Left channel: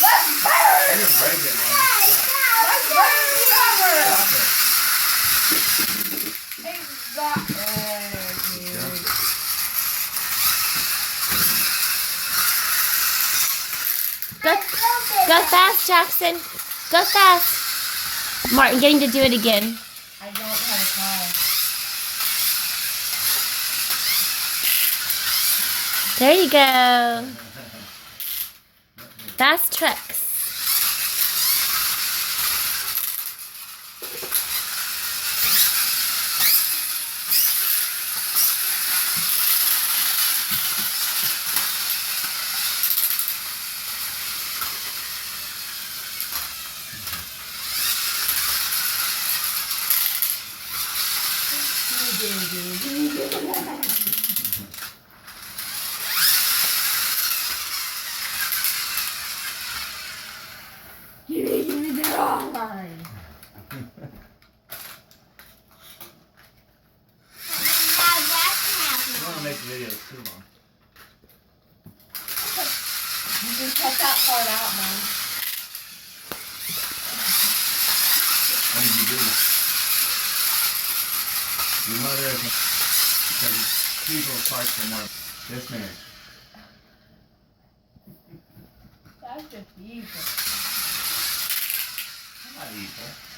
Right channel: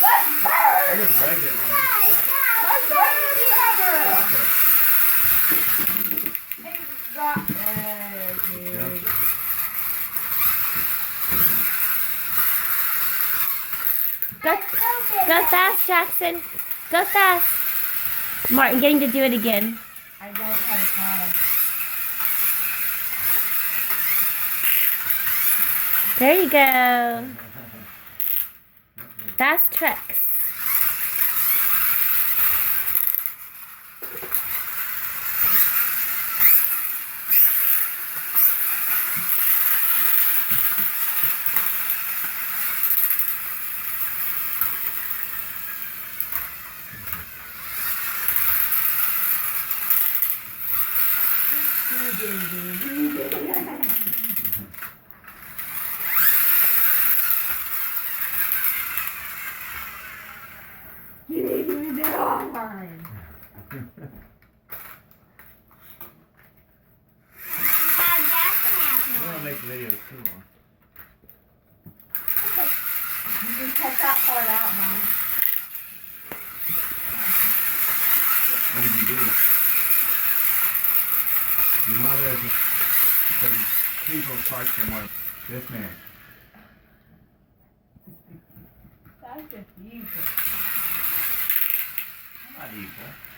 Let's burn I it! didn't break it, Mom. Let's burn the cover! Stop it. Go, go fast, Jackson. Go fast. Martin, getting to do it again. I don't have time. There you go. Fast tricks. You want to make videos too, Mom. You can cut that part out, Mom. What did you do? Your mother is because people fight for more. Yes, ma'am. That's just evil. I'm not evil.